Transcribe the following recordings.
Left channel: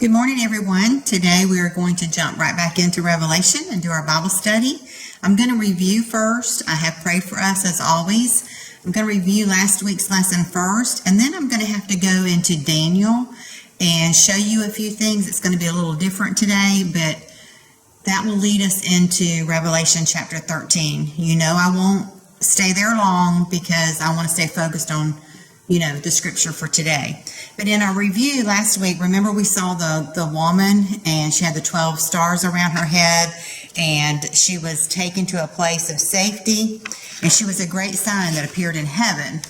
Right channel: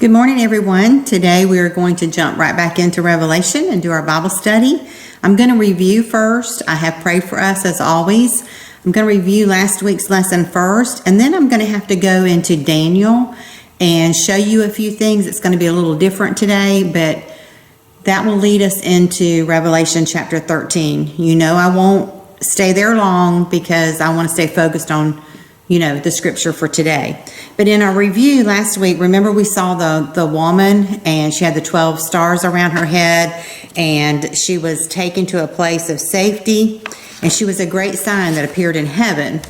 Good morning, everyone. Today we are going to jump right back into Revelation and do our Bible study. I'm going to review first. I have prayed for us as always. I'm going to review last week's lesson first, and then I'm going to have to go into Daniel and show you a few things. It's going to be a little different today, but that will lead us into Revelation chapter 13. You know, I won't stay there long because I want to stay focused on, the scripture for today. But in our review last week, remember we saw the woman, and she had the 12 stars around her head, and she was taken to a place of safety, and she was a great sign that appeared in heaven,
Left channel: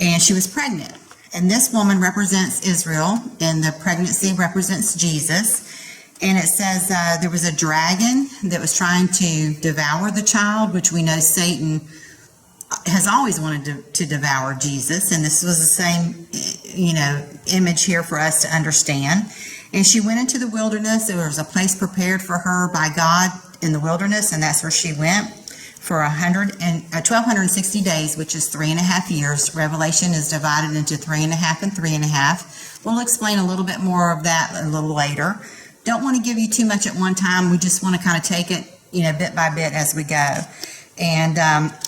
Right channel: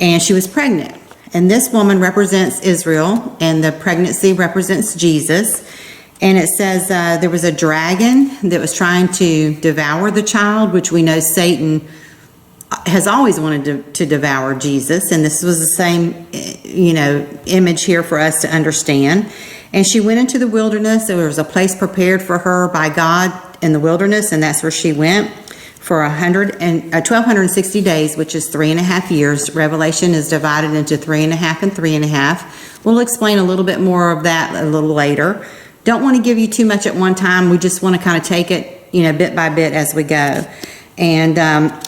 and she was pregnant. And this woman represents Israel, and the pregnancy represents Jesus. And it says there was a dragon that was trying to devour the child, which we know Satan has always wanted to devour Jesus, and this was the same, image here for us to understand. And she went into the wilderness. There was a place prepared for her by God in the wilderness, and that's where she went for 1,260 days, which is 3.5 years. Revelation is divided into 3.5 and 3.5. We'll explain a little bit more of that a little later. Don't want to give you too much at one time. We just want to kind of take it, bit by bit as we go. And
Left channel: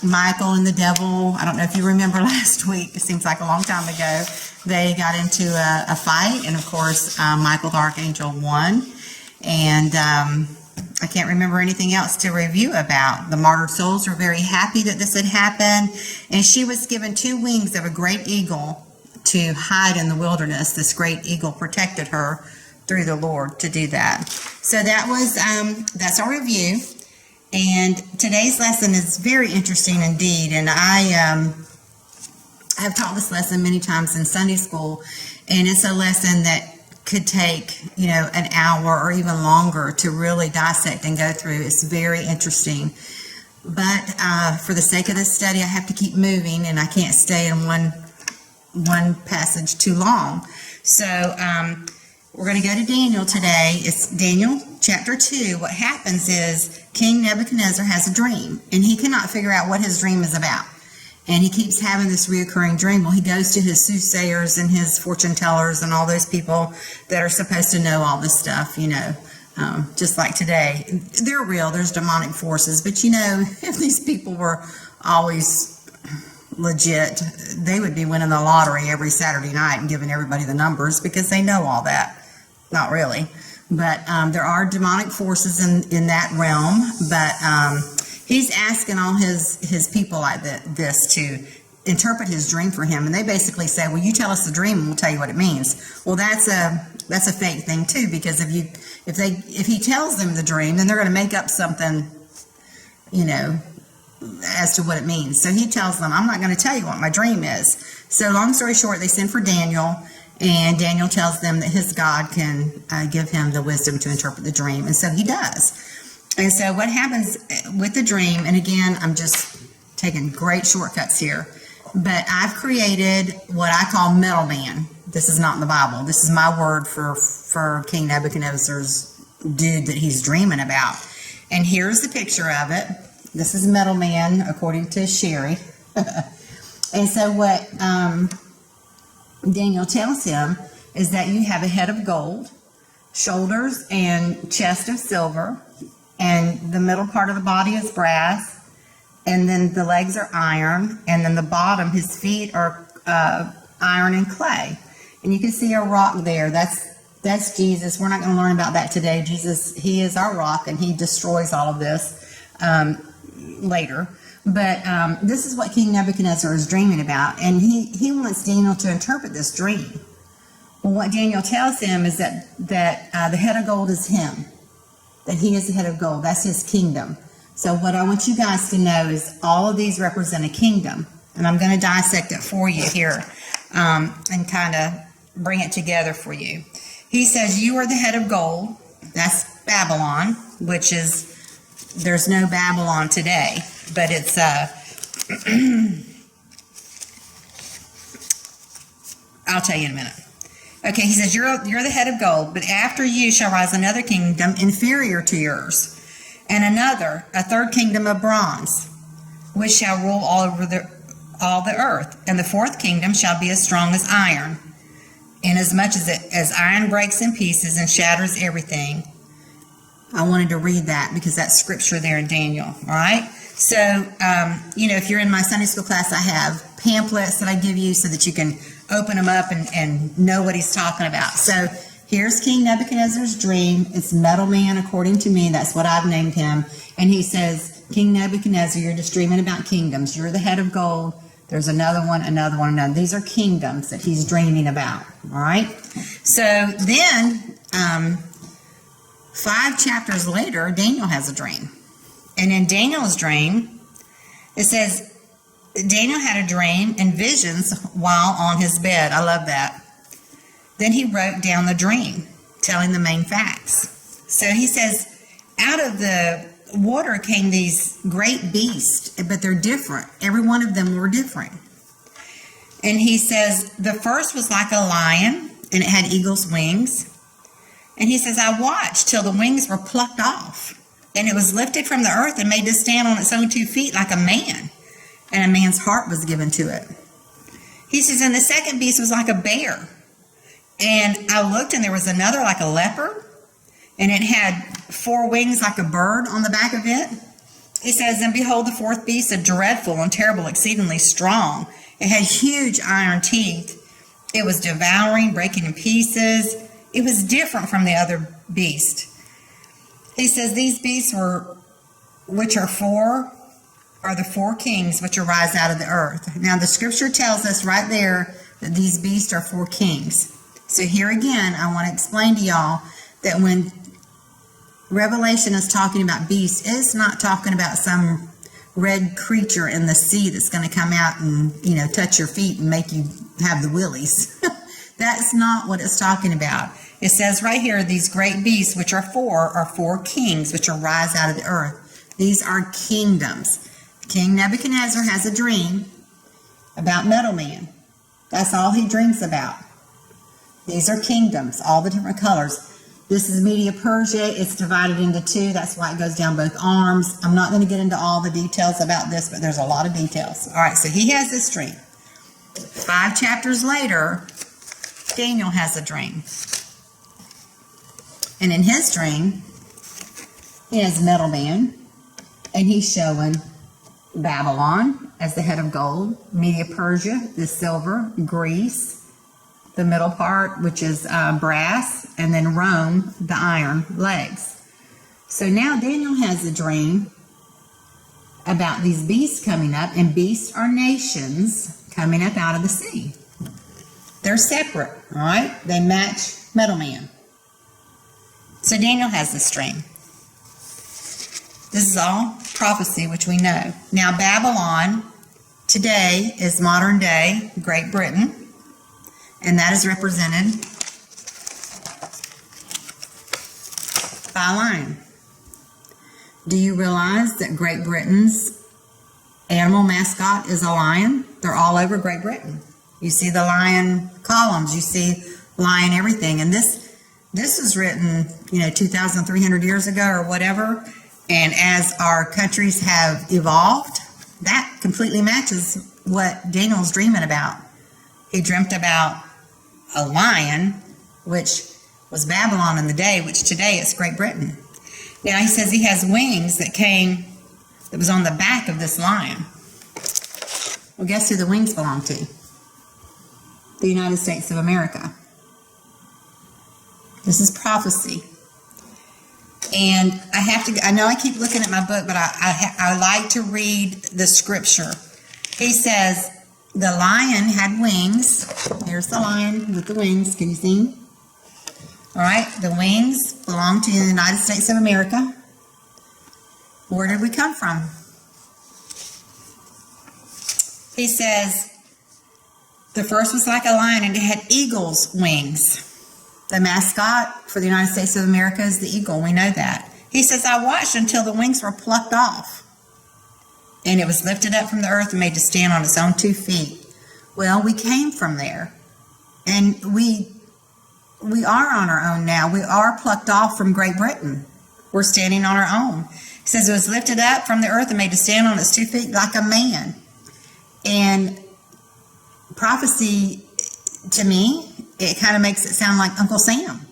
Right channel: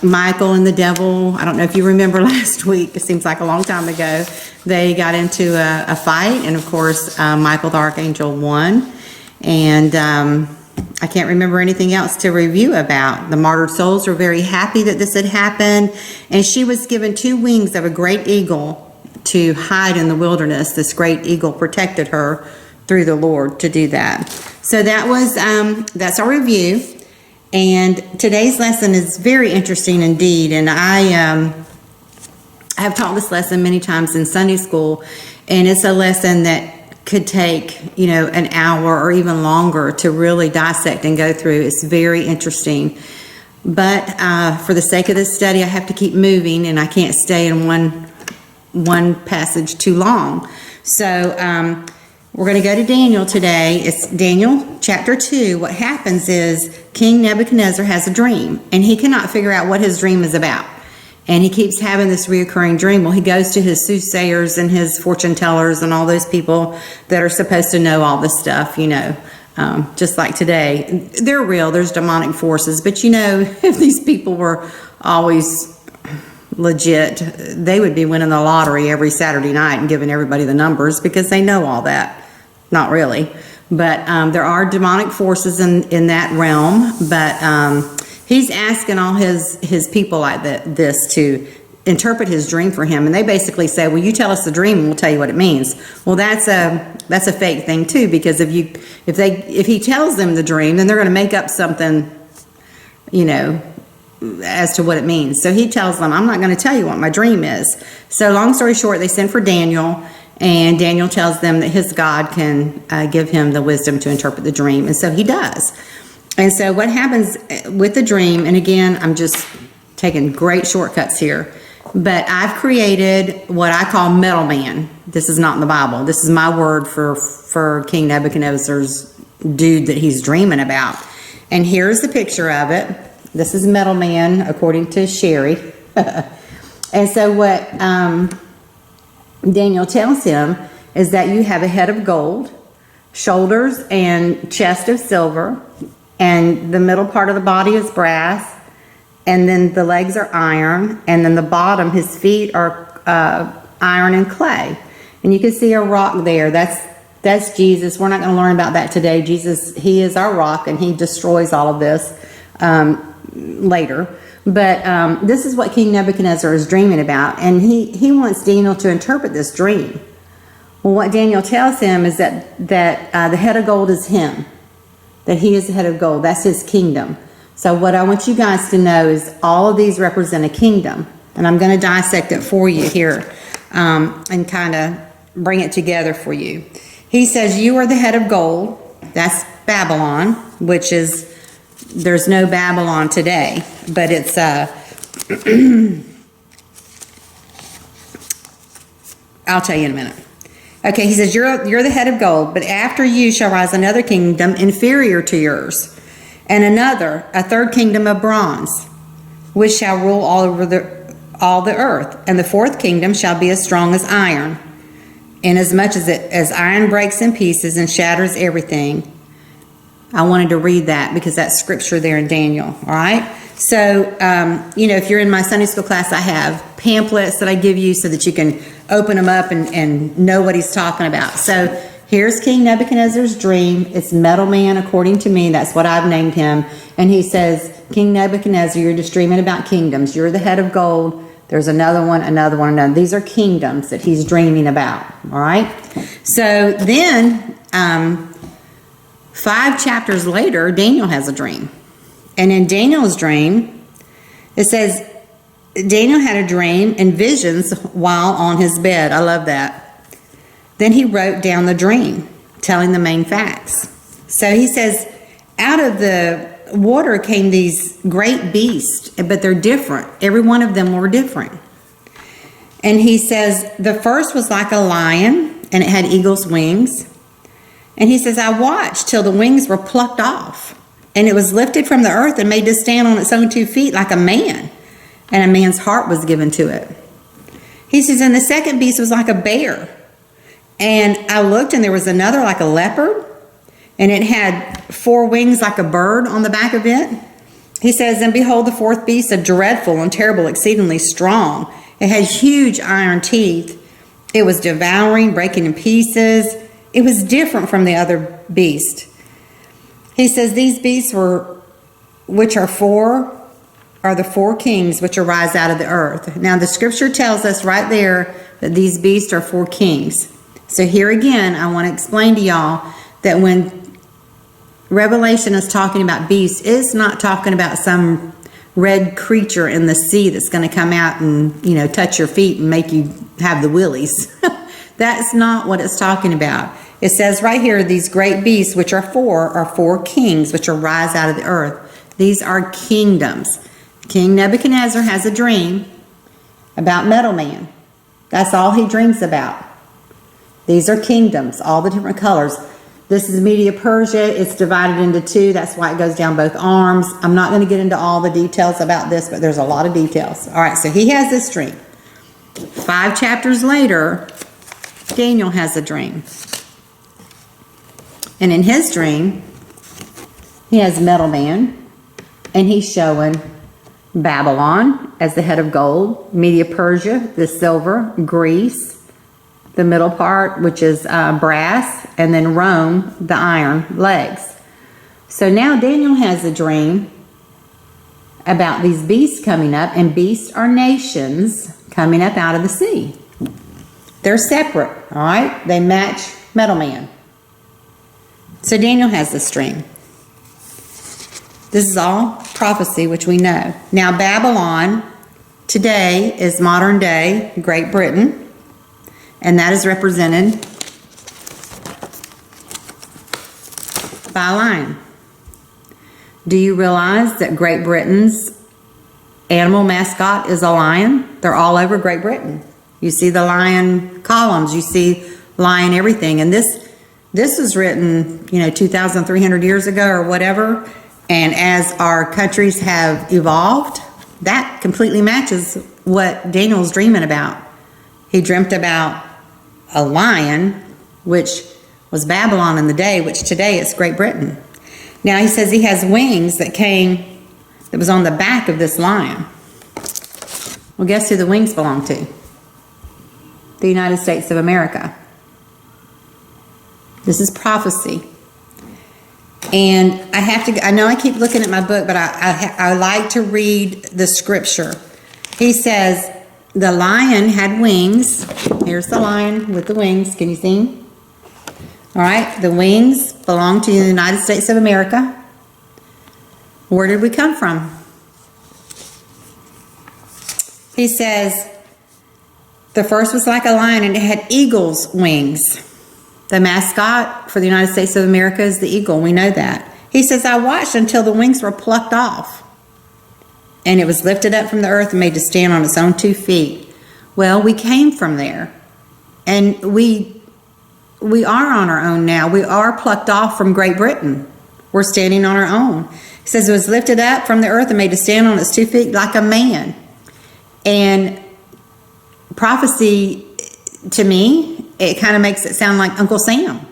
Michael and the devil, I don't know if you remember last week, it seems like a long time ago, they got into a fight, and of course Michael the Archangel won. And I can't remember anything else to review about. The martyred souls were very happy that this had happened, and she was given 2 wings of a great eagle to hide in the wilderness. This great eagle protected her through the Lord to do that. So that was that's our review. And today's lesson is very interesting indeed, and I have taught this lesson many times in Sunday school, and it's a lesson that could take, an hour or even longer to really dissect and go through. It's very interesting. But for the sake of this study, I have to keep moving, and I can't stay in one passage too long. So we're going to go to Daniel today. It's Daniel chapter 2. What happens is King Nebuchadnezzar has a dream, and he cannot figure out what his dream is about. And he keeps having this reoccurring dream. Well, he goes to his soothsayers and his fortune tellers and all those people that are supposed to know all this stuff, just like today. They're real. There's demonic forces. But, if these people were always legit, they would be winning the lottery every Saturday night and giving everybody the numbers because they know all that. Not really. But there are demonic forces in that realm. But he's asking all his people like this to interpret his dream for him. And they basically say, well, you tell us the dream and we'll tell you what it means. Well, that's a fake thing too, because if he tells them the dream, then they're going to make up something, as to what it means. So he tells them, I'm not going to tell you what my dream is. So long story short, they send for Daniel, and Daniel tells them that his God can give him the wisdom to interpret the dream. And so he does. And so what happens with the dream, and again, I'm just taking great shortcuts here, but I've created what I call middleman. This is not in the Bible. This is my word for King Nebuchadnezzar's dude that he's dreaming about. And here's the picture of it. This is middleman, according to Sherry. And so what Daniel tells him is that you have a head of gold, shoulders and chest of silver, and the middle part of the body is brass, and then the legs are iron, and then the bottom, his feet are iron and clay. And you can see a rock there. That's Jesus. We're not going to learn about that today. Jesus, he is our rock, and he destroys all of this later. But this is what King Nebuchadnezzar is dreaming about, and he wants Daniel to interpret this dream. Well, what Daniel tells him is that the head of gold is him, that he is the head of gold. That's his kingdom. So what I want you guys to know is all of these represent a kingdom, and I'm going to dissect it for you here and kind of bring it together for you. He says, you are the head of gold. That's Babylon, which is, there's no Babylon today, but it's I'll tell you in a minute. Okay, he says, you're the head of gold, but after you shall rise another kingdom inferior to yours, and a third kingdom of bronze, which shall rule all the earth, and the fourth kingdom shall be as strong as iron. And as much as iron breaks in pieces and shatters everything, I wanted to read that because that's scripture there in Daniel. All right. So, if you're in my Sunday school class, I have pamphlets that I give you so that you can open them up and know what he's talking about. So here's King Nebuchadnezzar's dream. It's Metal Man, according to me. That's what I've named him. And he says, King Nebuchadnezzar, you're just dreaming about kingdoms. You're the head of gold. There's another one, another one, another. These are kingdoms that he's dreaming about. All right. So then, 5 chapters later, Daniel has a dream. And in Daniel's dream, it says, Daniel had a dream and visions while on his bed. I love that. Then he wrote down the dream, telling the main facts. So he says, out of the water came these great beasts, but they're different. Every one of them were different. And he says, the first was like a lion, and it had eagle's wings. And he says, I watched till the wings were plucked off, and it was lifted from the earth and made to stand on its own 2 feet like a man, and a man's heart was given to it. He says, and the second beast was like a bear. And I looked, and there was another like a leopard, and it had 4 wings like a bird on the back of it. He says, and behold, the fourth beast, a dreadful and terrible, exceedingly strong. It had huge iron teeth. It was devouring, breaking in pieces. It was different from the other beast. He says, these beasts which are 4, are the 4 kings which arise out of the earth. Now, the scripture tells us right there that these beasts are 4 kings. So here again, I want to explain to y'all that when Revelation is talking about beasts, it's not talking about some red creature in the sea that's going to come out and, touch your feet and make you have the willies. That's not what it's talking about. It says right here, these great beasts, which are 4 kings, which arise out of the earth. These are kingdoms. King Nebuchadnezzar has a dream about Metal Man. That's all he dreams about. These are kingdoms, all the different colors. This is Media Persia. It's divided into 2. That's why it goes down both arms. I'm not going to get into all the details about this, but there's a lot of details. All right, so he has this dream. 5 chapters later, Daniel has a dream. And in his dream, he has Metal Man, and he's showing Babylon as the head of gold, Media Persia, the silver, Greece, the middle part, which is brass, and then Rome, the iron legs. So now Daniel has a dream about these beasts coming up, and beasts are nations coming up out of the sea. They're separate, all right? They match Metal Man. So Daniel has this dream. This is all prophecy, which we know. Now Babylon today is modern day Great Britain, and that is represented by a lion. Do you realize that Great Britain's animal mascot is a lion? They're all over Great Britain. You see the lion columns, you see lion everything. And this was written, 2,300 years ago or whatever. And as our countries have evolved, that completely matches what Daniel's dreaming about. He dreamt about a lion, which was Babylon in the day, which today is Great Britain. Now he says he has wings that was on the back of this lion. Well, guess who the wings belong to? The United States of America. This is prophecy. And I know I keep looking at my book, but I like to read the scripture. He says, the lion had wings. Here's the lion with the wings. Can you see him? All right. The wings belong to the United States of America. Where did we come from? He says, the first was like a lion, and it had eagle's wings. The mascot for the United States of America is the eagle. We know that. He says, I watched until the wings were plucked off, and it was lifted up from the earth and made to stand on its own 2 feet. Well, we came from there, and we are on our own now. We are plucked off from Great Britain. We're standing on our own. He says it was lifted up from the earth and made to stand on its 2 feet like a man. And prophecy to me it kind of makes it sound like Uncle Sam.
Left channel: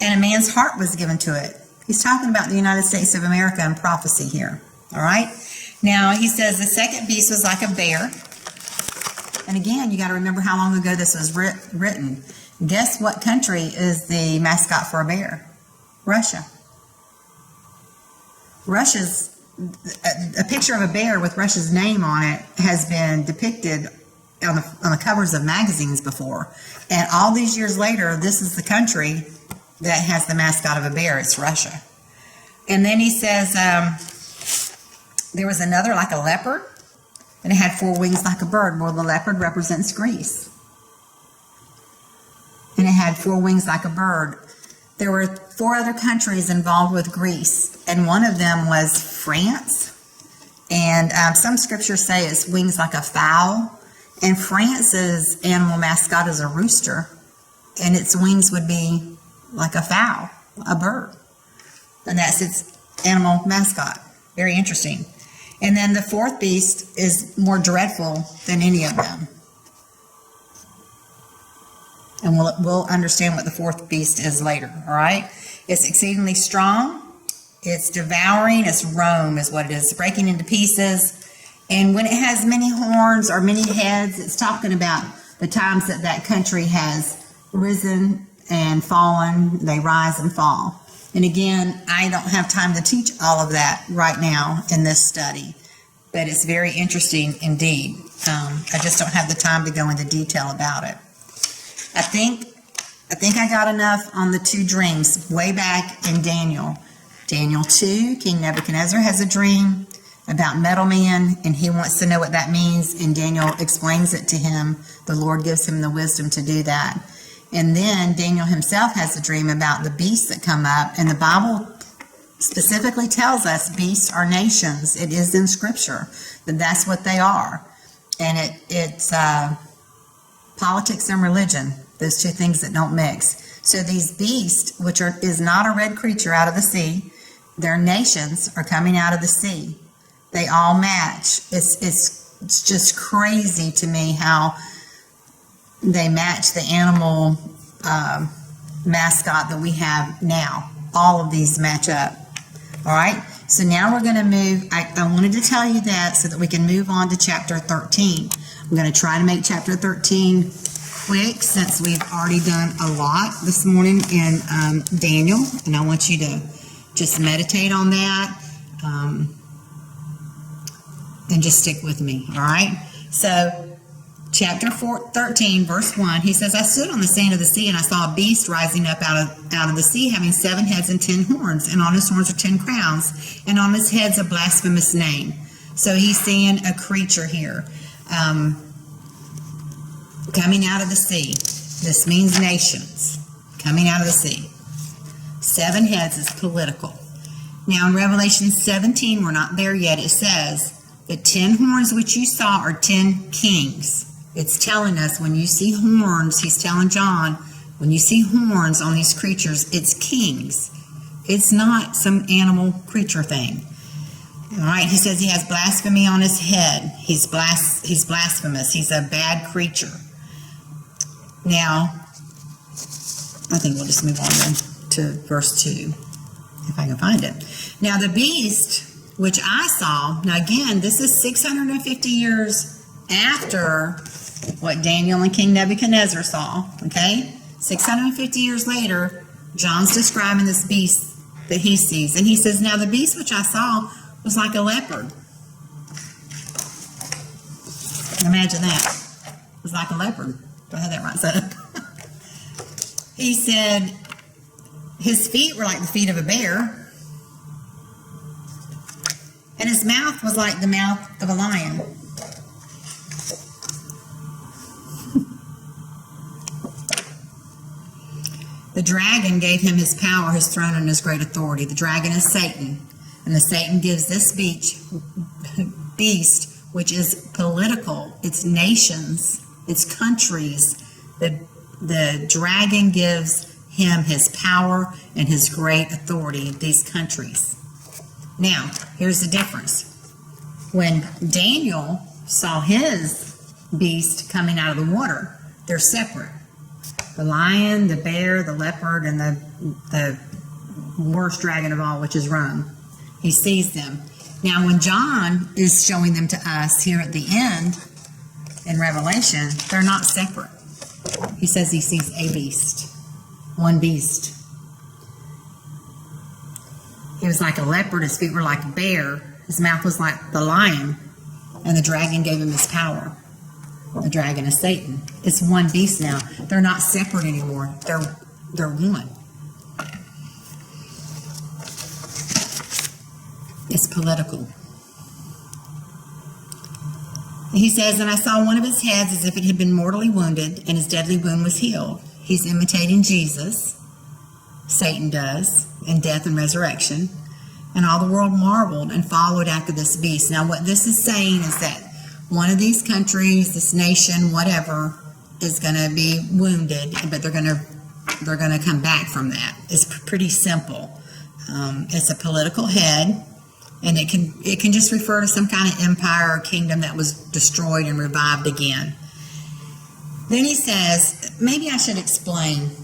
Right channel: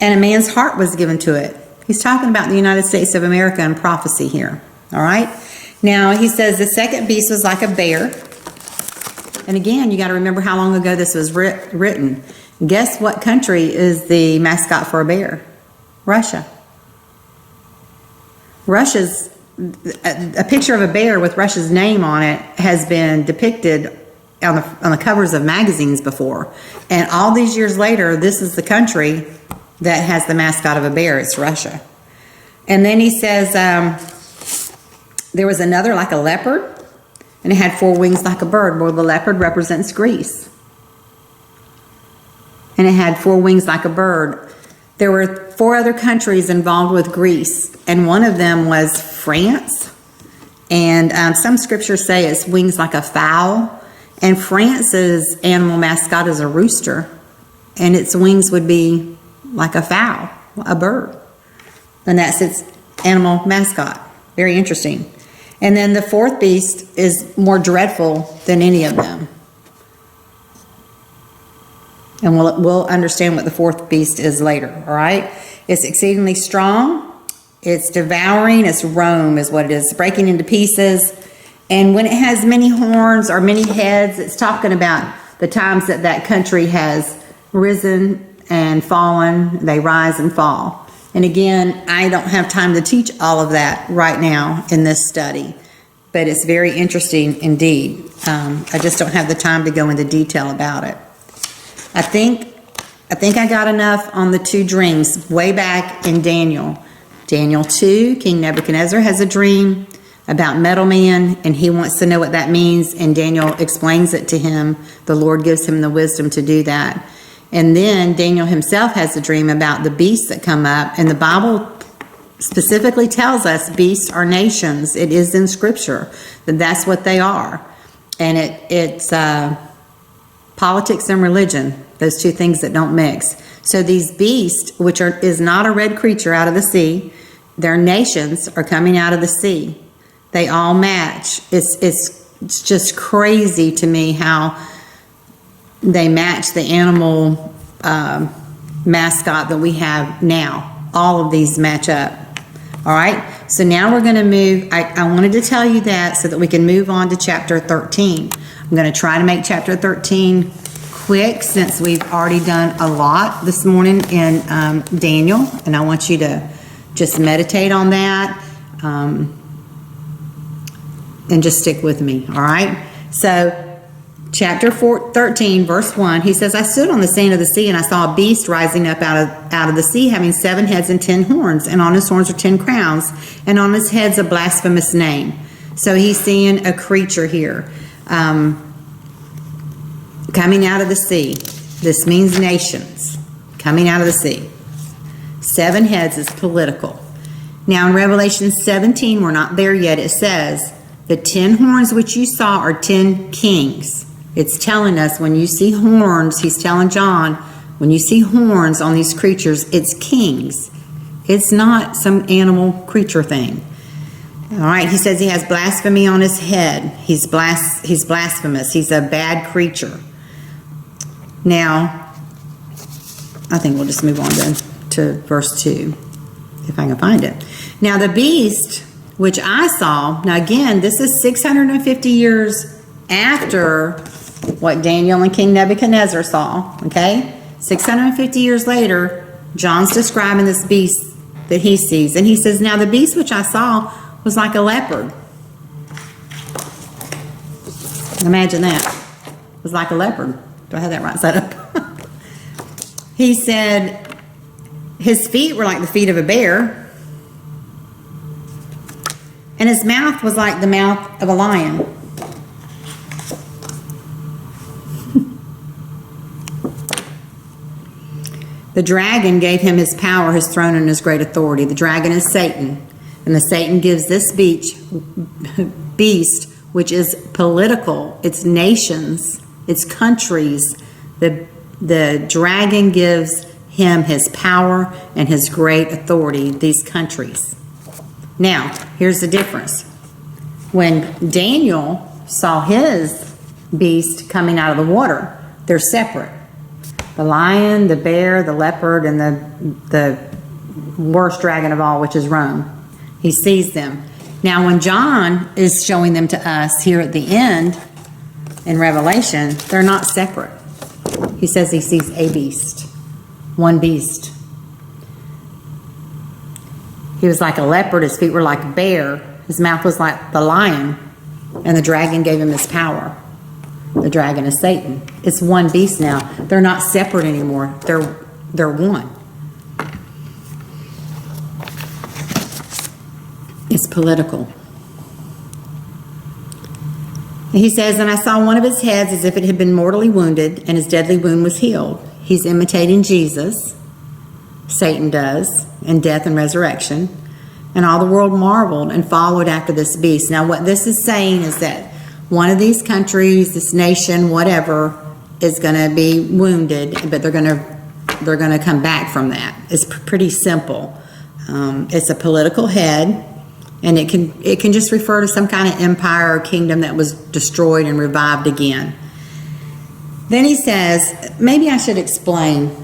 And a man's heart was given to it. He's talking about the United States of America in prophecy here. All right. Now he says the second beast was like a bear. And again, you got to remember how long ago this was written. Guess what country is the mascot for a bear? Russia. A picture of a bear with Russia's name on it has been depicted on the covers of magazines before. And all these years later, this is the country that has the mascot of a bear. It's Russia. And then he says there was another like a leopard, and it had 4 wings like a bird. Well, the leopard represents Greece. And it had 4 wings like a bird. There were 4 other countries involved with Greece, and one of them was France. And some scriptures say it's wings like a fowl. And France's animal mascot is a rooster, and its wings would be like a fowl, a bird. And that's its animal mascot. Very interesting. And then the 4th beast is more dreadful than any of them. And we'll understand what the 4th beast is later, all right? It's exceedingly strong. It's devouring. It's Rome is what it is. It's breaking into pieces. And when it has many horns or many heads, it's talking about the times that that country has risen and fallen. They rise and fall. And again, I don't have time to teach all of that right now in this study, but it's very interesting indeed. I just don't have the time to go into detail about it. I think I got enough on the 2 dreams way back in Daniel. Daniel 2, King Nebuchadnezzar has a dream about metal man, and he wants to know what that means, and Daniel explains it to him. The Lord gives him the wisdom to do that. And then Daniel himself has a dream about the beasts that come up, and the Bible specifically tells us beasts are nations. It is in Scripture that that's what they are. And it's politics and religion, those 2 things that don't mix. So these beasts, which is not a red creature out of the sea, their nations are coming out of the sea. They all match. It's just crazy to me how they match the animal mascot that we have now. All of these match up. All right. So now we're going to move. I wanted to tell you that so that we can move on to chapter 13. I'm going to try to make chapter 13 quick since we've already done a lot this morning in Daniel. And I want you to just meditate on that. And just stick with me, all right? So, chapter 13, verse 1, he says, I stood on the sand of the sea, and I saw a beast rising up out of the sea, having 7 heads and 10 horns, and on his horns are 10 crowns, and on his heads a blasphemous name. So he's seeing a creature here coming out of the sea. This means nations coming out of the sea. 7 heads is political. Now, in Revelation 17, we're not there yet, it says, the 10 horns which you saw are 10 kings. It's telling us when you see horns, he's telling John, when you see horns on these creatures, it's kings. It's not some animal creature thing. All right, he says he has blasphemy on his head. He's blasphemous. He's a bad creature. Now, I think we'll just move on then to verse 2, if I can find it. Now, the beast which I saw, now again, this is 650 years after what Daniel and King Nebuchadnezzar saw, okay? 650 years later, John's describing this beast that he sees. And he says, now the beast which I saw was like a leopard. Imagine that. It was like a leopard. Do I have that right side up? He said his feet were like the feet of a bear, and his mouth was like the mouth of a lion. The dragon gave him his power, his throne, and his great authority. The dragon is Satan, and the Satan gives this beast, which is political, it's nations, it's countries. The dragon gives him his power and his great authority, these countries. Now, here's the difference. When Daniel saw his beast coming out of the water, they're separate. The lion, the bear, the leopard, and the worst dragon of all, which is Rome. He sees them. Now, when John is showing them to us here at the end in Revelation, they're not separate. He says he sees a beast, one beast. He was like a leopard, his feet were like a bear, his mouth was like the lion, and the dragon gave him his power. The dragon is Satan. It's one beast now. They're not separate anymore. They're one. It's political. He says, and I saw one of his heads as if it had been mortally wounded, and his deadly wound was healed. He's imitating Jesus. Satan does, and death and resurrection. And all the world marveled and followed after this beast. Now, what this is saying is that one of these countries, this nation, whatever, is going to be wounded, but they're going to come back from that. It's pretty simple. It's a political head, and it can just refer to some kind of empire or kingdom that was destroyed and revived again. Then he says, maybe I should explain.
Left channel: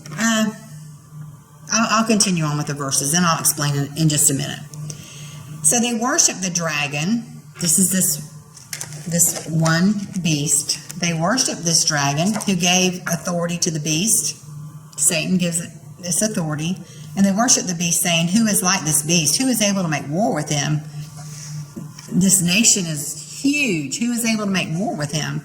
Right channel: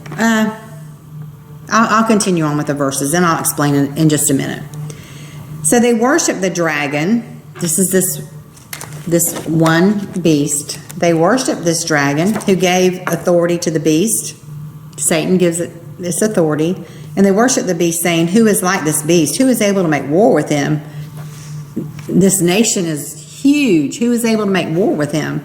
I'll continue on with the verses, and I'll explain it in just a minute. So they worship the dragon. This is this one beast. They worship this dragon who gave authority to the beast. Satan gives it this authority. And they worship the beast, saying, who is like this beast? Who is able to make war with him? This nation is huge. Who is able to make war with him?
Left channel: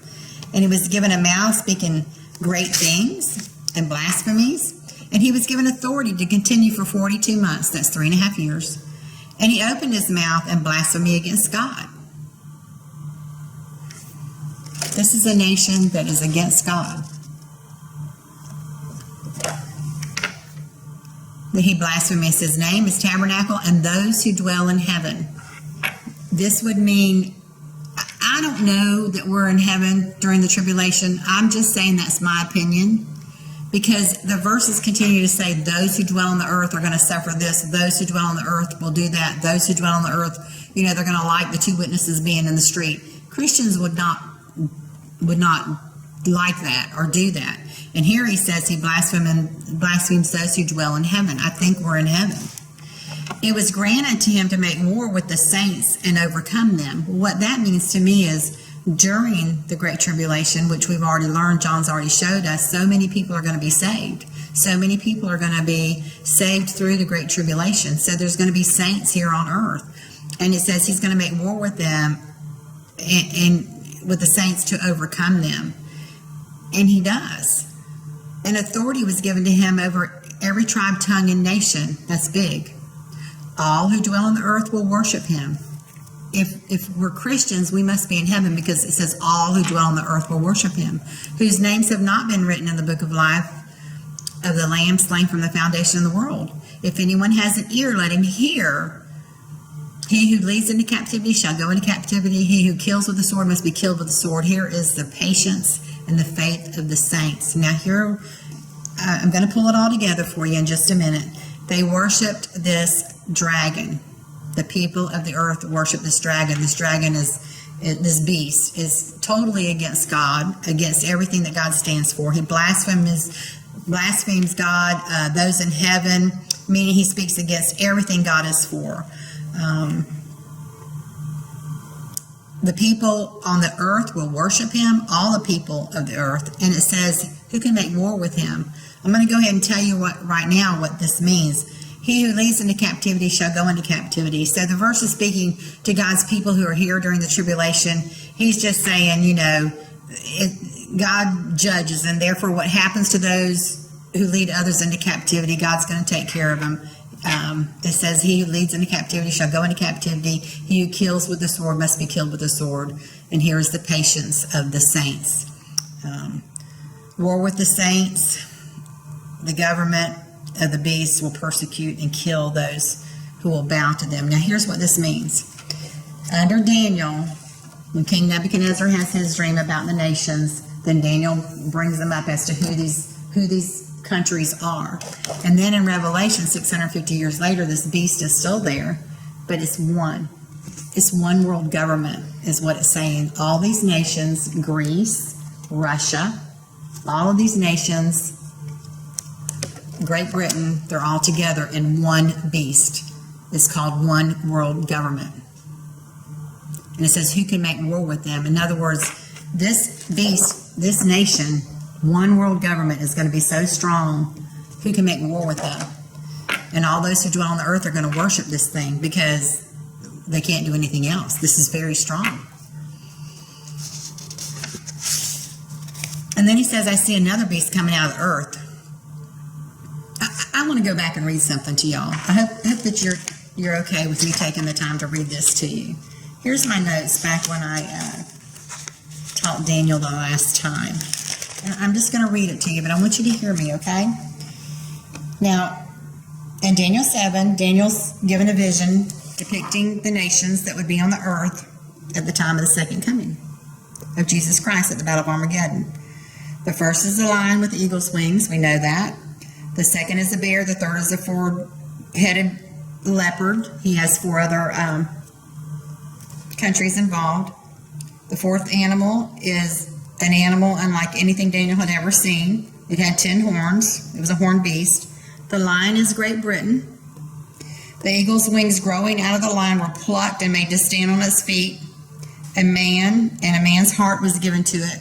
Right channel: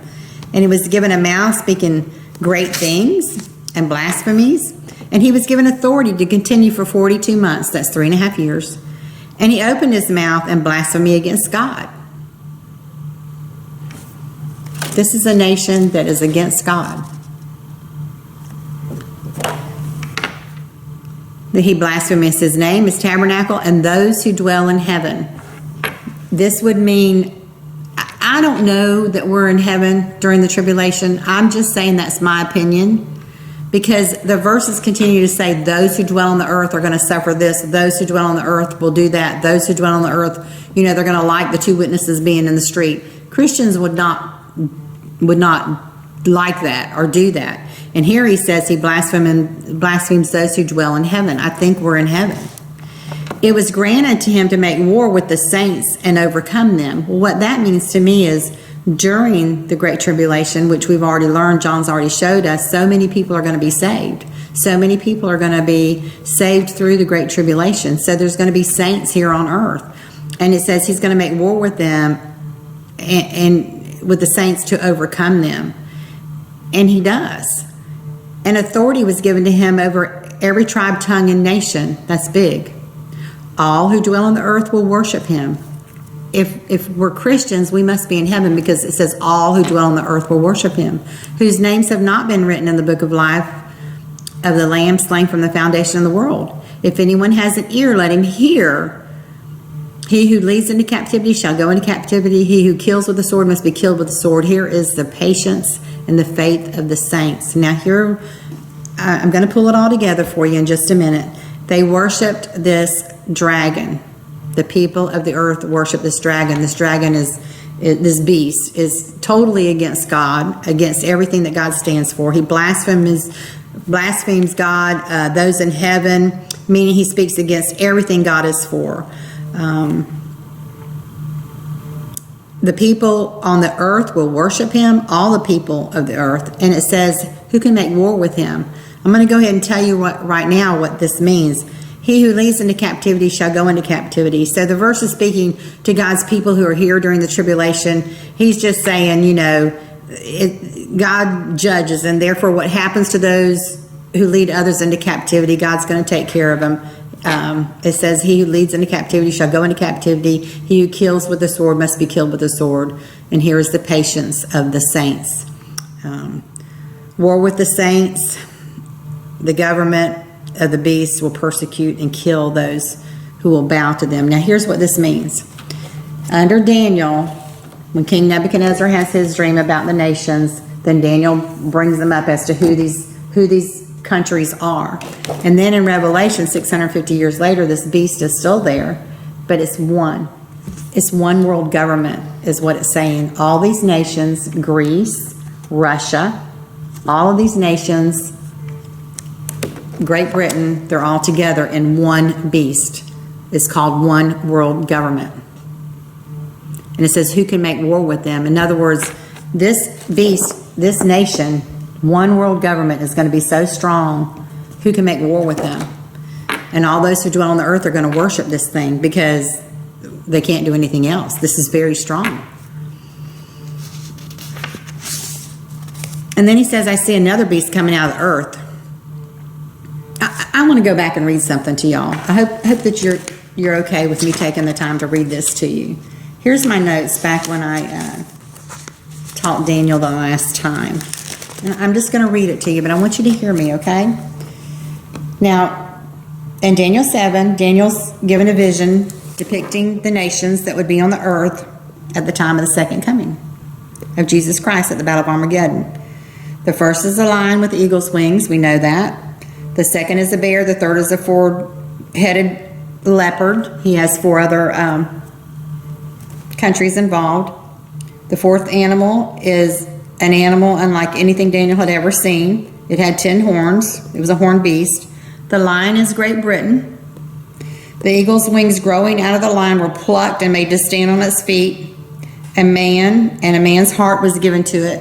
And he was given a mouth speaking great things and blasphemies. And he was given authority to continue for 42 months. That's 3.5 years. And he opened his mouth in blasphemy against God. This is a nation that is against God. He blasphemes his name, his tabernacle, and those who dwell in heaven. This would mean, I don't know that we're in heaven during the tribulation. I'm just saying that's my opinion, because the verses continue to say those who dwell on the earth are going to suffer this. Those who dwell on the earth will do that. Those who dwell on the earth, they're going to like the two witnesses being in the street. Christians would not like that or do that. And here he says he blasphemes those who dwell in heaven. I think we're in heaven. It was granted to him to make war with the saints and overcome them. Well, what that means to me is during the Great Tribulation, which we've already learned, John's already showed us, so many people are going to be saved. So many people are going to be saved through the Great Tribulation. So there's going to be saints here on earth. And it says he's going to make war with them and with the saints to overcome them. And he does. And authority was given to him over every tribe, tongue, and nation. That's big. All who dwell on the earth will worship him. If we're Christians, we must be in heaven, because it says all who dwell on the earth will worship him, whose names have not been written in the book of life of the Lamb slain from the foundation of the world. If anyone has an ear, let him hear. He who leads into captivity shall go into captivity. He who kills with the sword must be killed with the sword. Here is the patience and the faith of the saints. Now here, I'm going to pull it all together for you in just a minute. They worshipped this dragon. The people of the earth worship this dragon. This dragon this beast is totally against God, against everything that God stands for. He blasphemes God, those in heaven, meaning he speaks against everything God is for. The people on the earth will worship him, all the people of the earth. And it says, who can make war with him? I'm going to go ahead and tell you right now what this means. He who leads into captivity shall go into captivity. So the verse is speaking to God's people who are here during the tribulation. He's just saying, God judges, and therefore what happens to those who lead others into captivity, God's going to take care of them. It says, he who leads into captivity shall go into captivity. He who kills with the sword must be killed with the sword. And here is the patience of the saints. War with the saints. The government of the beast will persecute and kill those who will bow to them. Now here's what this means. Under Daniel, when King Nebuchadnezzar has his dream about the nations, then Daniel brings them up as to who these countries are. And then in Revelation, 650 years later, this beast is still there, but it's one. It's one world government is what it's saying. All these nations, Greece, Russia, all of these nations Great Britain, they're all together in one beast. It's called one world government. And it says, who can make war with them? In other words, this beast, this nation, one world government is going to be so strong, who can make war with them? And all those who dwell on the earth are going to worship this thing because they can't do anything else. This is very strong. And then he says, I see another beast coming out of the earth. I want to go back and read something to y'all. I hope that you're okay with me taking the time to read this to you. Here's my notes back when I taught Daniel the last time. And I'm just going to read it to you, but I want you to hear me, okay? Now, in Daniel 7, Daniel's given a vision depicting the nations that would be on the earth at the time of the second coming of Jesus Christ at the Battle of Armageddon. The first is a lion with eagle's wings. We know that. The second is a bear. The third is a four-headed leopard. He has four other countries involved. The fourth animal is an animal unlike anything Daniel had ever seen. It had 10 horns. It was a horned beast. The lion is Great Britain. The eagle's wings growing out of the lion were plucked and made to stand on its feet. A man's heart was given to it.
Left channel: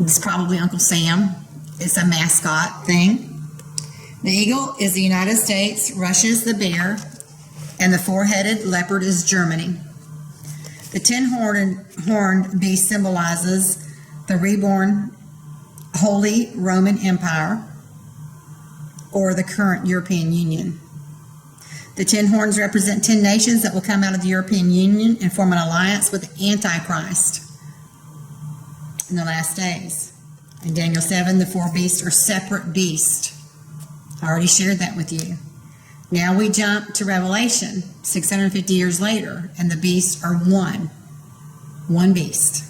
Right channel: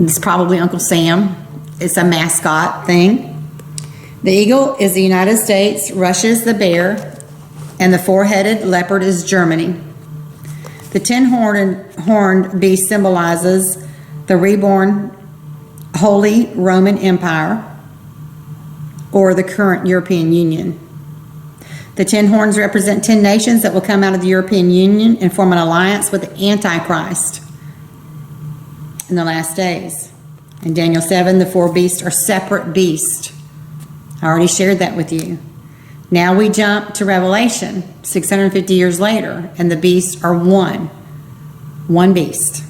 It's probably Uncle Sam. It's a mascot thing. The eagle is the United States, Russia is the bear, and the four-headed leopard is Germany. The 10-horned beast symbolizes the reborn Holy Roman Empire, or the current European Union. The 10 horns represent 10 nations that will come out of the European Union and form an alliance with the Antichrist in the last days. In Daniel 7, the four beasts are separate beasts. I already shared that with you. Now we jump to Revelation, 650 years later, and the beasts are one beast.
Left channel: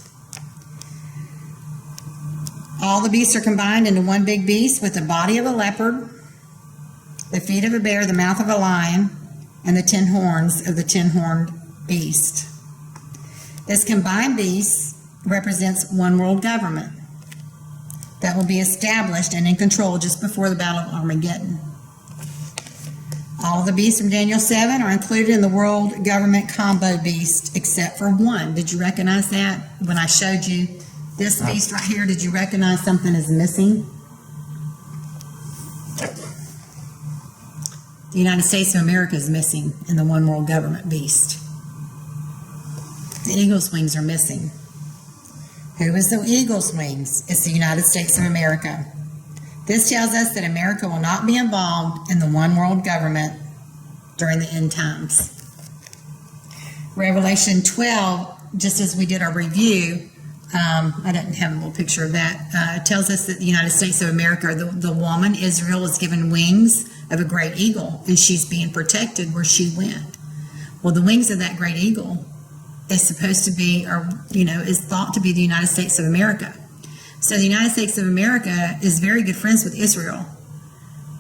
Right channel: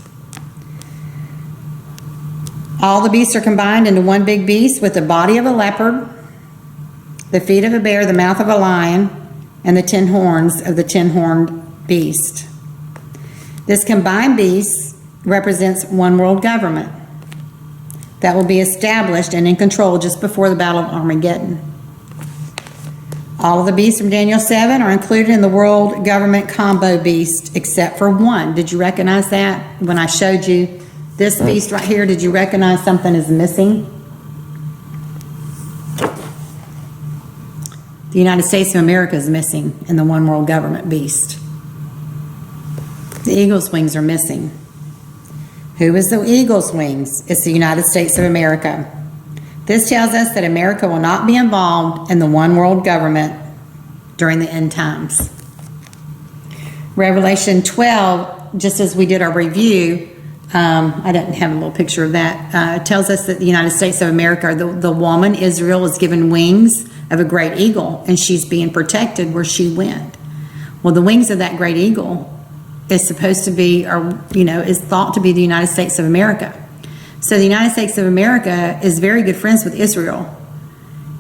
All the beasts are combined into one big beast with the body of a leopard, the feet of a bear, the mouth of a lion, and the 10 horns of the 10-horned beast. This combined beast represents one world government that will be established and in control just before the Battle of Armageddon. All of the beasts from Daniel 7 are included in the world government combo beast except for one. Did you recognize that? When I showed you this beast right here, did you recognize something is missing? The United States of America is missing in the one world government beast. The eagle's wings are missing. Who is the eagle's wings? It's the United States of America. This tells us that America will not be involved in the one world government during the end times. Revelation 12, just as we did our review, I didn't have a little picture of that. It tells us that the United States of America, the woman, Israel, was given wings of a great eagle, and she's being protected where she went. Well, the wings of that great eagle is supposed to be, is thought to be the United States of America. So the United States of America is very good friends with Israel.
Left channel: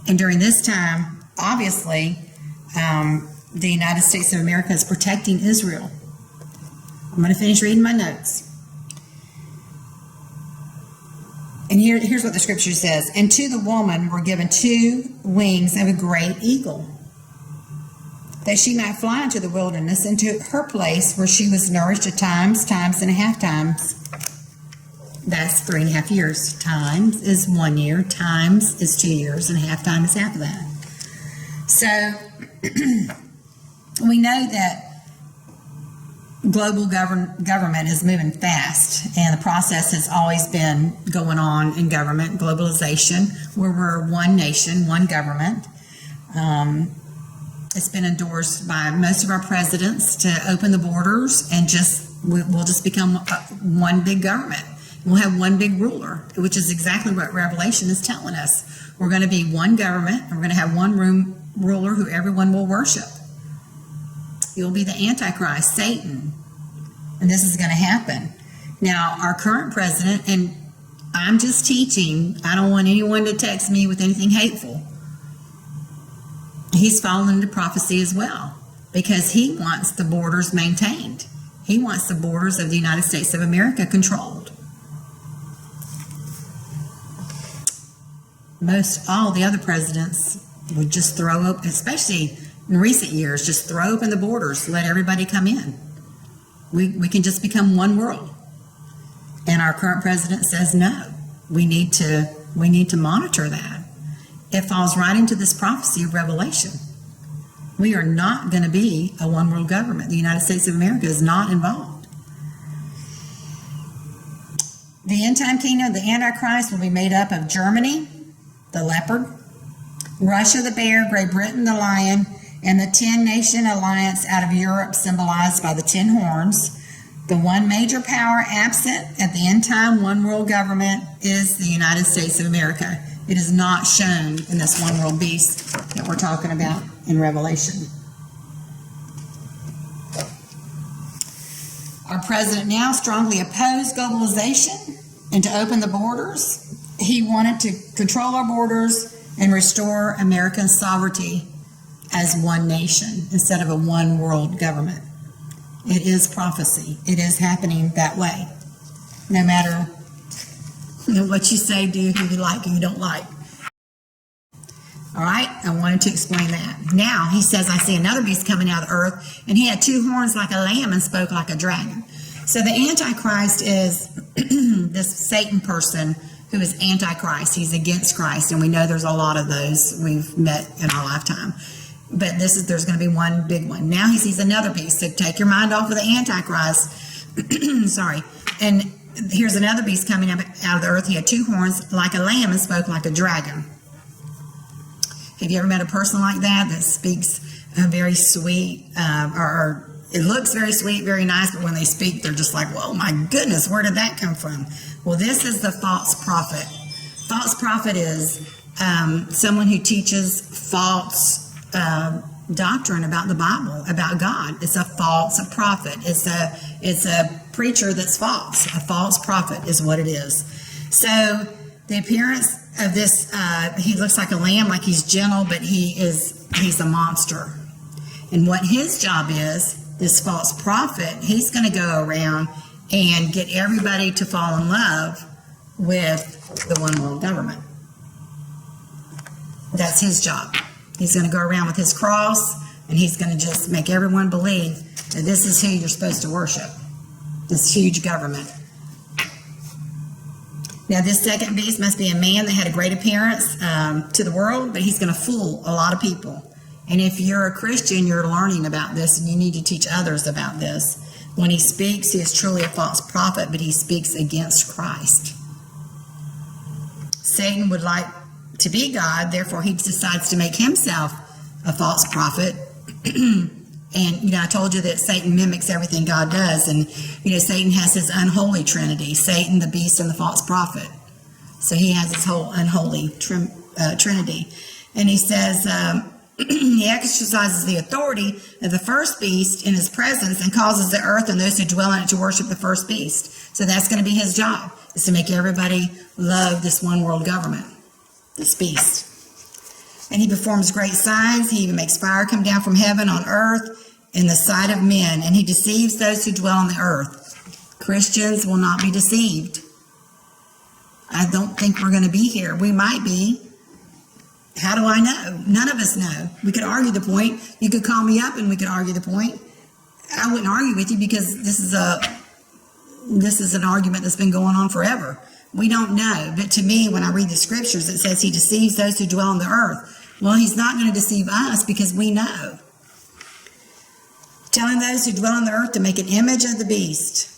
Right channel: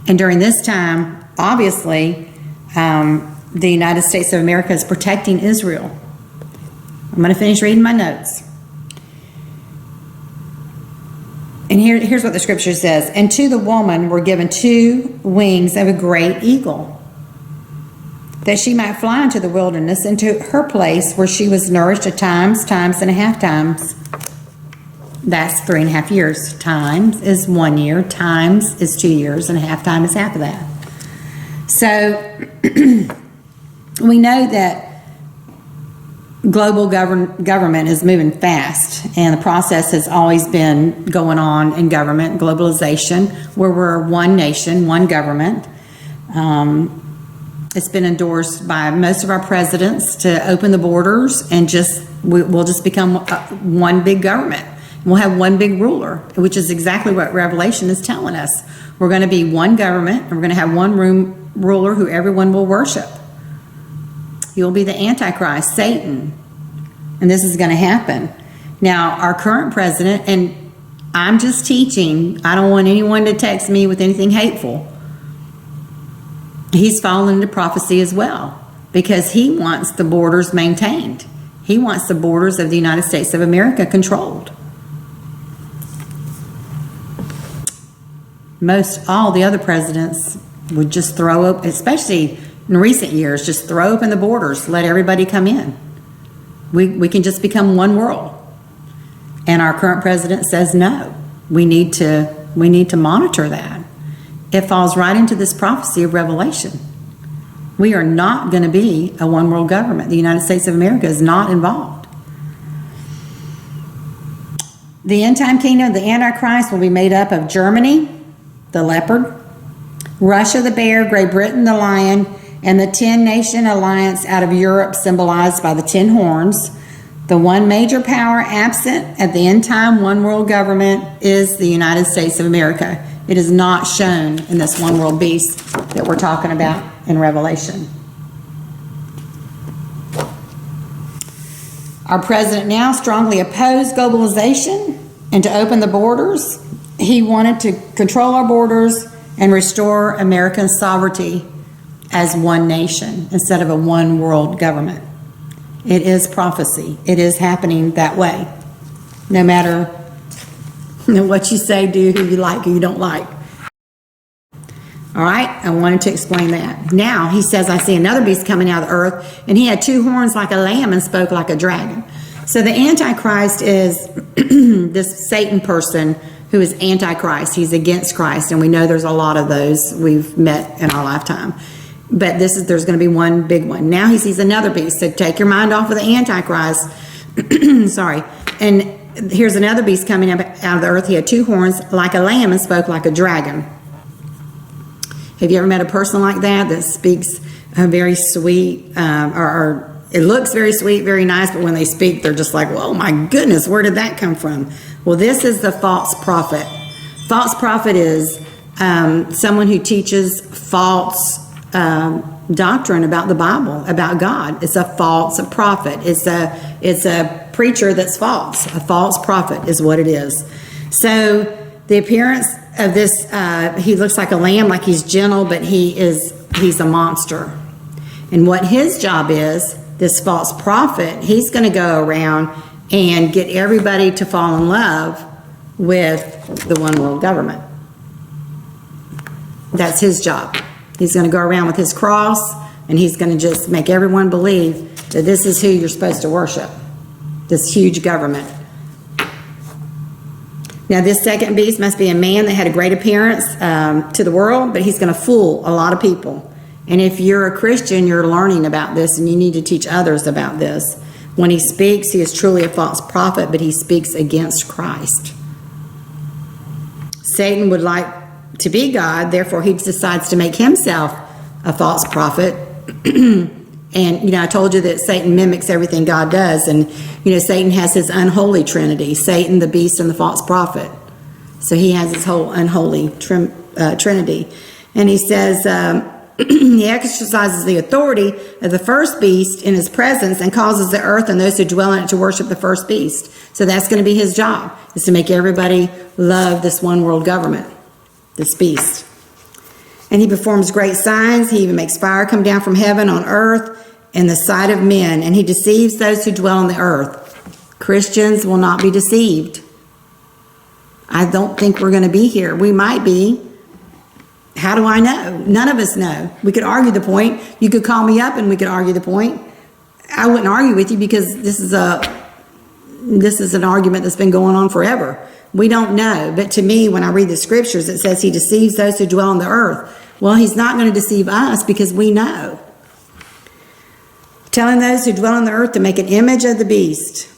And during this time, obviously, the United States of America is protecting Israel. I'm going to finish reading my notes. And here's what the scripture says. And to the woman were given 2 wings of a great eagle, that she might fly into the wilderness, into her place where she was nourished at times and a half times. That's 3.5 years. Times is 1 year. Times is 2 years, and a half time is half of that. So we know that global government is moving fast, and the process has always been going on in government, globalization, where we're one nation, one government. It's been endorsed by most of our presidents to open the borders, and we'll just become one big government. We'll have one big ruler, which is exactly what Revelation is telling us. We're going to be one government, and we're going to have one ruler who everyone will worship. You'll be the Antichrist, Satan. And this is going to happen. Now, our current president, and I'm just teaching, I don't want anyone to text me with anything hateful. He's fallen into prophecy as well, because he wants the borders maintained. He wants the borders of the United States of America controlled. most all the other presidents would just throw up, especially in recent years, just throw open the borders, let everybody come in. We can just become one world. And our current president says no. We need to monitor that. It falls right into this prophecy of Revelation. We are not going to be a one world government. The United States of America is not involved. The end time kingdom of the Antichrist will be made up of Germany, the leopard, Russia, the bear, Great Britain, the lion, and the 10-nation alliance out of Europe, symbolized by the 10 horns. The one major power absent at the end time one world government is the United States of America. It is not shown in this one world beast that we're talking about in Revelation. Our president now strongly opposed globalization and to open the borders. He wanted to control our borders and restore American sovereignty as one nation instead of a one world government. It is prophecy. It is happening that way. No matter what you say, do, who you like, who you don't like. All right, I wanted to explain that. Now, he says, I see another beast coming out of the earth, and he had 2 horns like a lamb and spoke like a dragon. So the Antichrist is this Satan person who is Antichrist. He's against Christ, and we know there's a lot of those we've met in our lifetime. But there's going to be one big one. Now he sees another beast. So take your mind off of the Antichrist. Sorry. And here's another beast coming up out of the earth. He had 2 horns like a lamb and spoke like a dragon. Have you ever met a person like that speaks very sweet, or it looks very sweet, very nice, but when they speak, they're just like, oh my goodness, where did that come from? Well, this is the false prophet. False prophet is someone who teaches false doctrine about the Bible, about God. It's a false prophet. It's a preacher that's false. A false prophet is what it is. So the appearance of this, he looks like a lamb, like he's gentle, but he's a monster. And what his job is, this false prophet, he's going to go around and get everybody to fall in love with the one world government. That's his job. He's going to go around with his cross, and he's going to just make everyone believe that this is who you're supposed to worship, this huge government. Now, this second beast must be a man that had a great appearance to the world, but he's going to fool a lot of people. And if you're a Christian, you're learning about this, and you need to teach others about this. When he speaks, he is truly a false prophet, but he speaks against Christ. Satan would like to be God, therefore he decides to make himself a false prophet. And, I told you that Satan mimics everything God does. And, Satan has his unholy trinity, Satan, the beast, and the false prophet. So he has his whole unholy trinity. And he says he exercises the authority of the first beast in his presence and causes the earth and those who dwell in it to worship the first beast. So that's going to be his job, is to make everybody love this one world government, this beast. And he performs great signs. He even makes fire come down from heaven on earth in the sight of men, and he deceives those who dwell on the earth. Christians will not be deceived. I don't think we're going to be here. We might be. How do I know? None of us know. We could argue the point. You could call me up and we could argue the point. I wouldn't argue with you because this is an argument that's been going on forever. We don't know. But to me, when I read the scriptures, it says he deceives those who dwell on the earth. Well, he's not going to deceive us because we know. Telling those who dwell on the earth to make an image of the beast.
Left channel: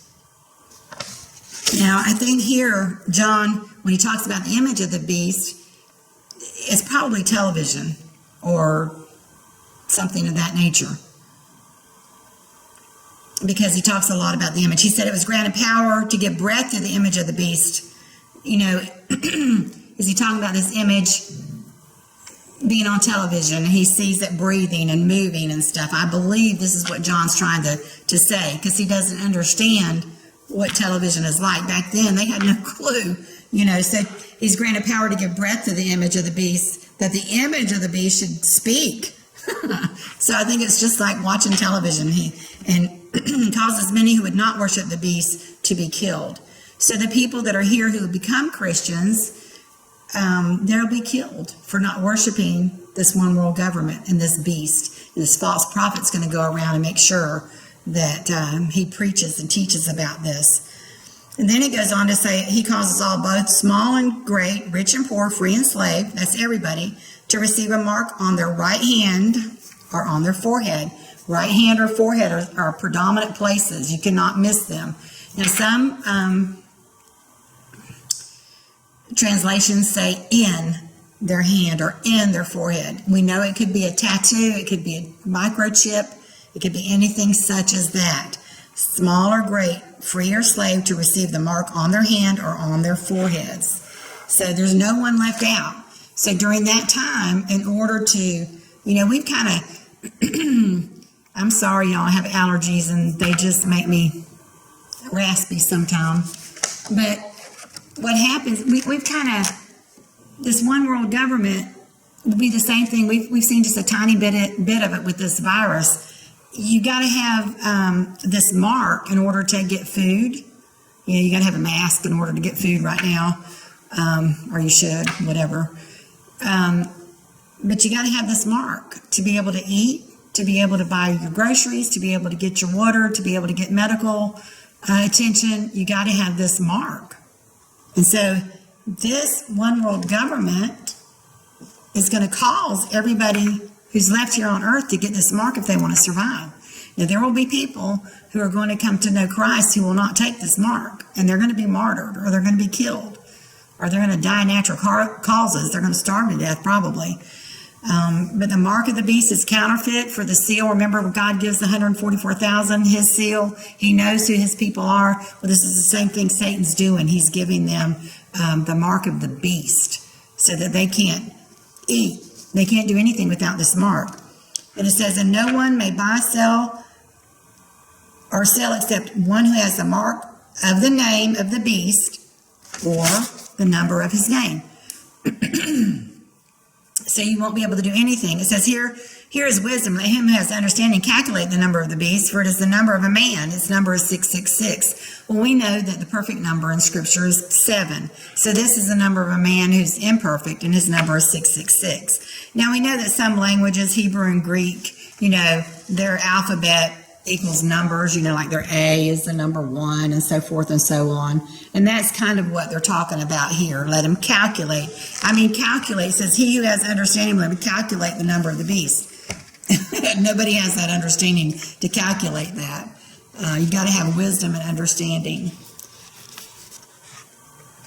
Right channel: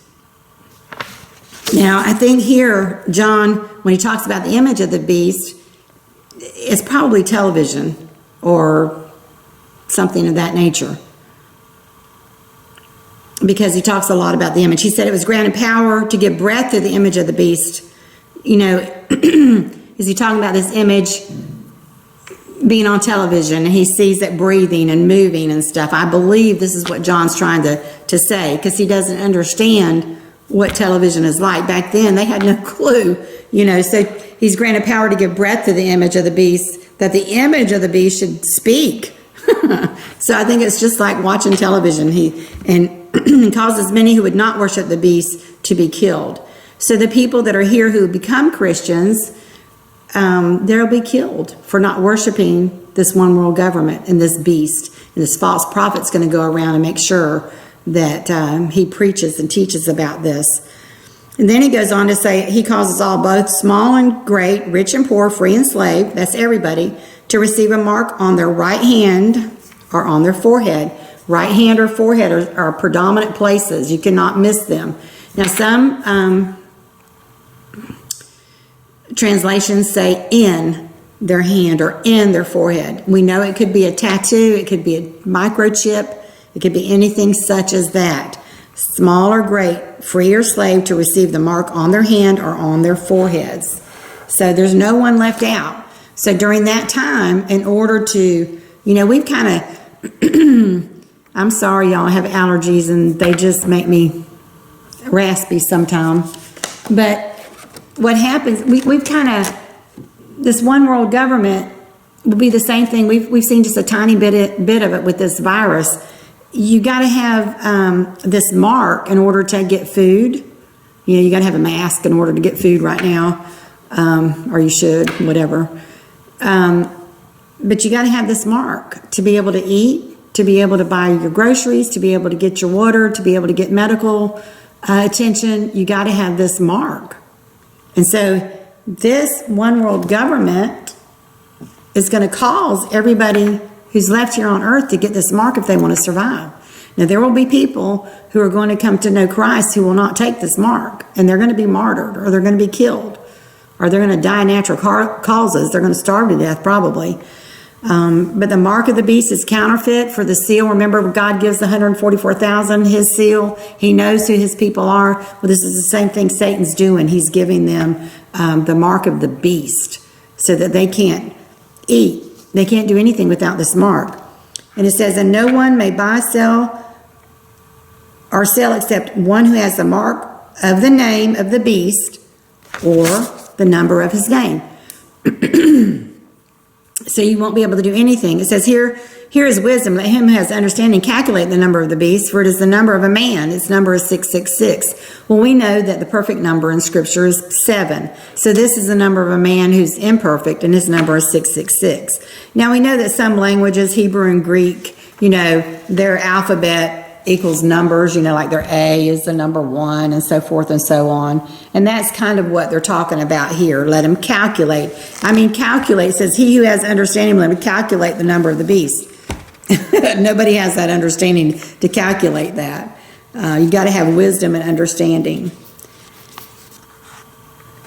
Now, I think here, John, when he talks about the image of the beast, it's probably television or something of that nature. Because he talks a lot about the image. He said it was granted power to give breath to the image of the beast. Is he talking about this image being on television, and he sees it breathing and moving and stuff? I believe this is what John's trying to say, because he doesn't understand what television is like. Back then, they had no clue, so he's granted power to give breath to the image of the beast, that the image of the beast should speak. So I think it's just like watching television. He causes many who would not worship the beast to be killed. So the people that are here who become Christians, they'll be killed for not worshiping this one world government and this beast. And this false prophet's going to go around and make sure that he preaches and teaches about this. And then he goes on to say, he causes all, both small and great, rich and poor, free and slave, that's everybody, to receive a mark on their right hand or on their forehead. Right hand or forehead are predominant places. You cannot miss them. Now, some translations say in their hand or in their forehead. We know it could be a tattoo, it could be a microchip, it could be anything such as that. Small or great, free or slave, to receive the mark on their hand or on their foreheads. So there's no one left out. So during that time, in order to, we've kind of, I'm sorry y'all, I have allergies and they just make me raspy sometimes. But what happens, we've kind of, this one world government will be the same thing. We've seen just a tiny bit of it with this virus. You got to have this mark in order to get food. You got to have a mask in order to get food right now, or you should, whatever. But you got to have this mark to be able to eat, to be able to buy your groceries, to be able to get your water, to be able to get medical attention. You got to have this mark. And so this one world government is going to cause everybody who's left here on earth to get this mark if they want to survive. Now, there will be people who are going to come to know Christ who will not take this mark, and they're going to be martyred, or they're going to be killed, or they're going to die natural causes. They're going to starve to death probably. But the mark of the beast is counterfeit for the seal. Remember, God gives the 144,000 his seal. He knows who his people are. Well, this is the same thing Satan's doing. He's giving them the mark of the beast so that they can't eat. They can't do anything without this mark. And it says, and no one may buy, sell, or sell except one who has the mark of the name of the beast or the number of his name. So you won't be able to do anything. It says here is wisdom. Let him who has understanding calculate the number of the beast, for it is the number of a man. Its number is 666. Well, we know that the perfect number in Scripture is 7. So this is the number of a man who's imperfect, and his number is 666. Now, we know that some languages, Hebrew and Greek, their alphabet equals numbers, like their A is the number 1 and so forth and so on. And that's kind of what they're talking about here. Let him calculate. Calculate says, he who has understanding, let him calculate the number of the beast. Nobody has that understanding to calculate that. You got to have wisdom and understanding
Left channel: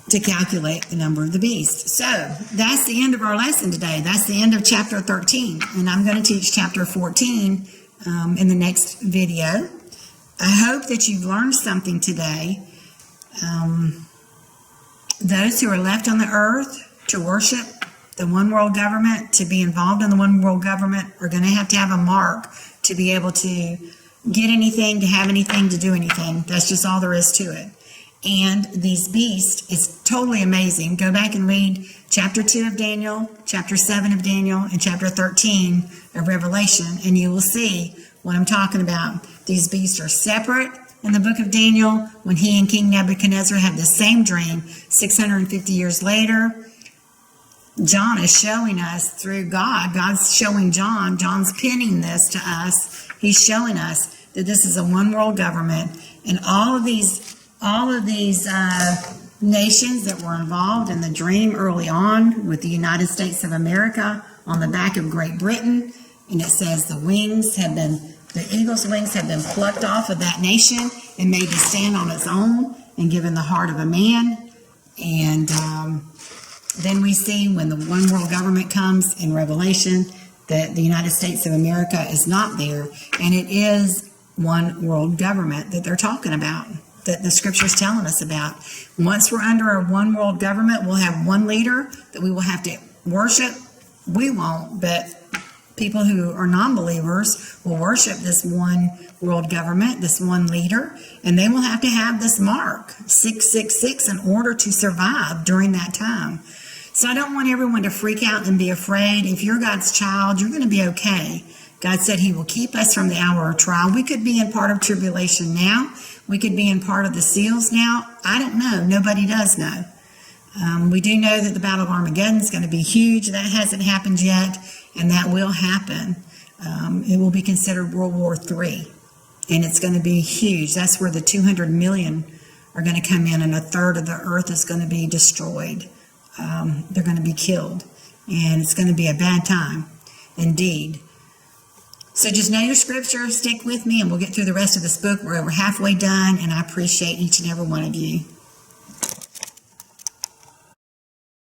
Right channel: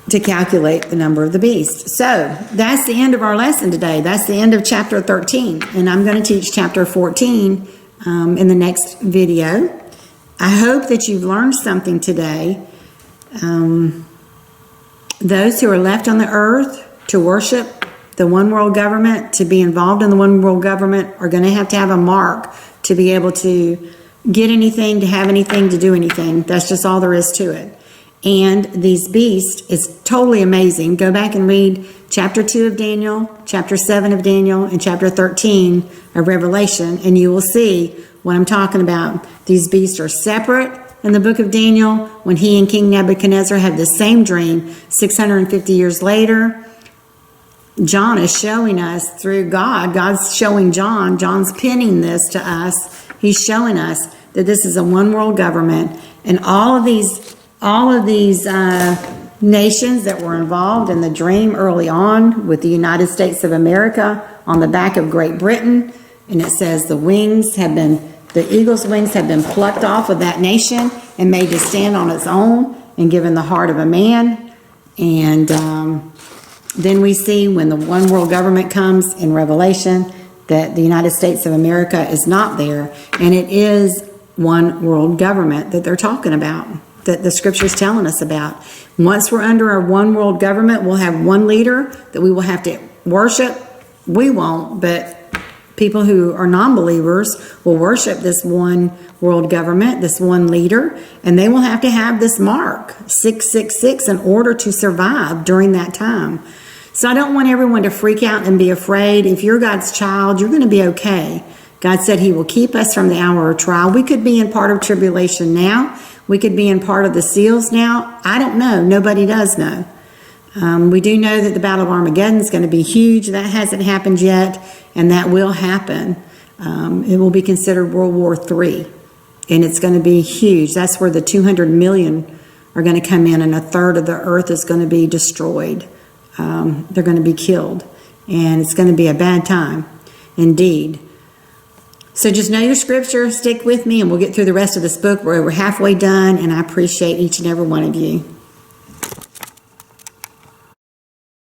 to calculate the number of the beast. So that's the end of our lesson today. That's the end of chapter 13. And I'm going to teach chapter 14 in the next video. I hope that you've learned something today. Those who are left on the earth to worship the one world government, to be involved in the one world government, are going to have a mark to be able to get anything, to have anything, to do anything. That's just all there is to it. And these beasts is totally amazing. Go back and read chapter 2 of Daniel, chapter 7 of Daniel, and chapter 13 of Revelation, and you will see what I'm talking about. These beasts are separate in the book of Daniel. When he and King Nebuchadnezzar had the same dream 650 years later, John is showing us through God. God's showing John. John's penning this to us. He's showing us that this is a one world government, and all of these nations that were involved in the dream early on, with the United States of America on the back of Great Britain, and it says the eagle's wings have been plucked off of that nation and made to stand on its own and given the heart of a man. And then we see when the one world government comes in Revelation that the United States of America is not there, and it is one world government that they're talking about, that the Scripture is telling us about. Once we're under our one world government, we'll have one leader that we will have to worship. We won't, but people who are non-believers will worship this one world government, this one leader, and they will have to have this mark, 666, in order to survive during that time. So I don't want everyone to freak out and be afraid. If you're God's child, you're going to be okay. God said he will keep us from the hour of trial. We could be in part of tribulation now. We could be in part of the seals now. I don't know. Nobody does know. We do know that the Battle of Armageddon is going to be huge. That hasn't happened yet, and that will happen. It will be considered World War III, and it's going to be huge. That's where the 200 million are going to come in, and a third of the earth is going to be destroyed. They're going to be killed, and it's going to be a bad time indeed. So just know your scripture, stick with me, and we'll get through the rest of this book. We're halfway done, and I appreciate each and every one of you.